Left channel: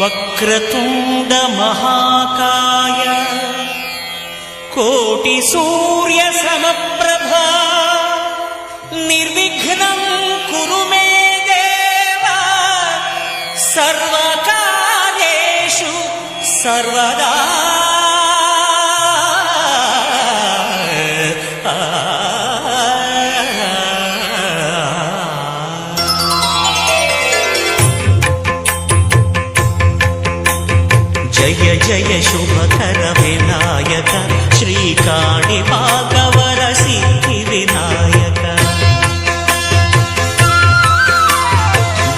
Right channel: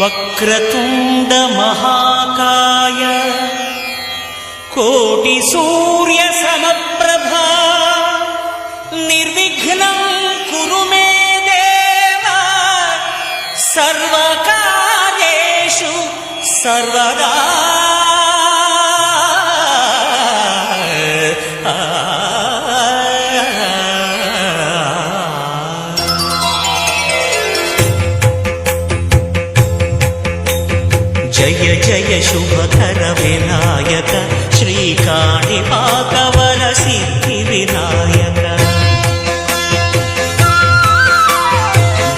వక్రతుండ మహాకాయ కోటి సూర్య సమప్రభా నిర్విఘ్నం కురు మే దేవ సర్వకార్యేషు సర్వదా. జయ జయ శుభకర వినాయక శ్రీకాణిపాకవర సిద్ధి వినాయక.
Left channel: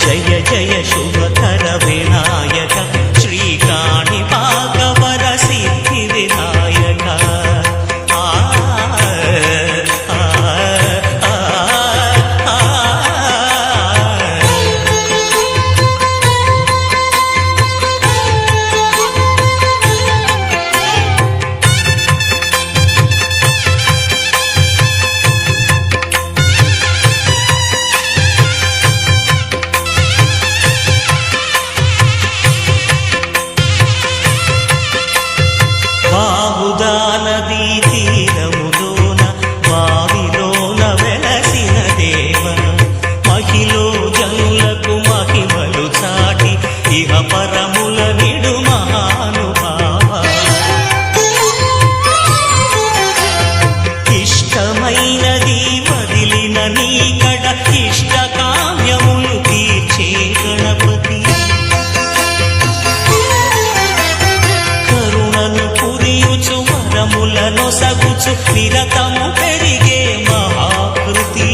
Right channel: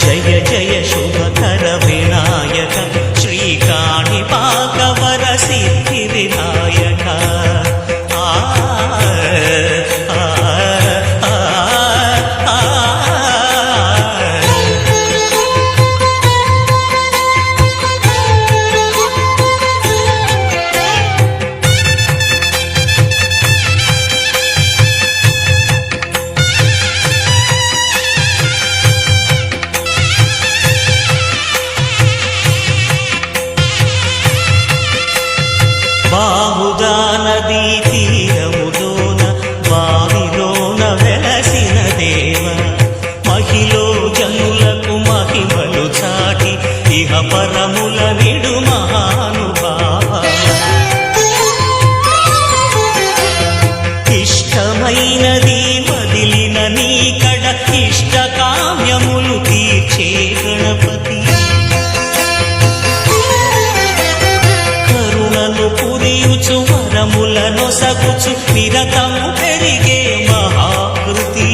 జయ జయ శుభకర వినాయక శ్రీకాణిపాకవర సిద్ధి వినాయక. ఆ ఆ ఆ బాహుదా నదీ తీరములోన బావిలోన వెలసిన దేవ మహిలో జనులకు మహిమలు చాటి ఇహ పరముల నిడు మహానుభావ. ఇష్టమైనది వదిలిన నీకడ ఇష్ట కామ్యములు తీర్చే గణపతి. కరుణను పురియుచు వరములను సగుచు నిరతము పెరిగే మహాకృతి.